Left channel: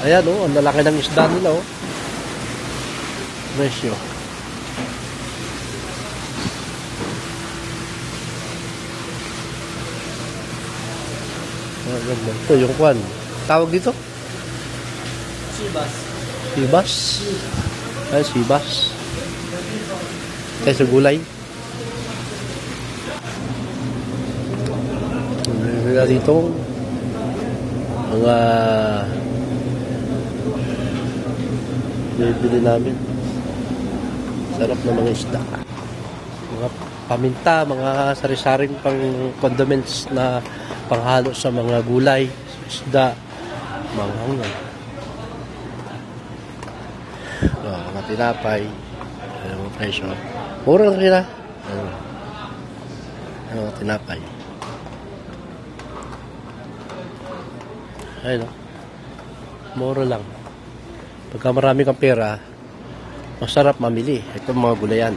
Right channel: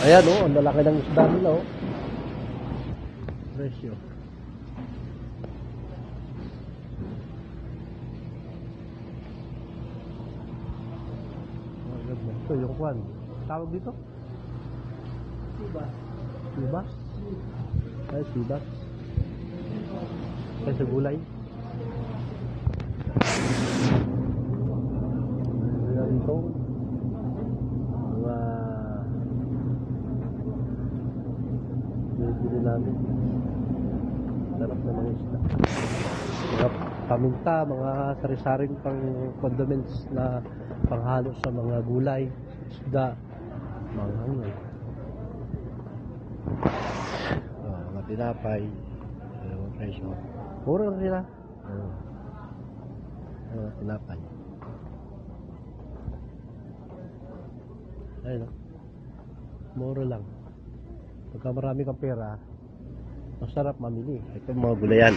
Ayan oh, ang lalaki ng isda nila oh. Presyo. Ito yung kwan. Tawag dito? Sibas. Sibas. Ay, sibas. Kaya sa gulay. Wala dito mga bibili namin. Sarap na mga isda. Mga paminta, mga sari-saring pang condiments na panghalo sa mga gulay, isda, mga hangan. Mga tinapay, mga presyo. Mura lang sila. Mga tinapay. Ayun, mura lang. Pagka marami kang pera, masarap mamili. Ito mga gulayan.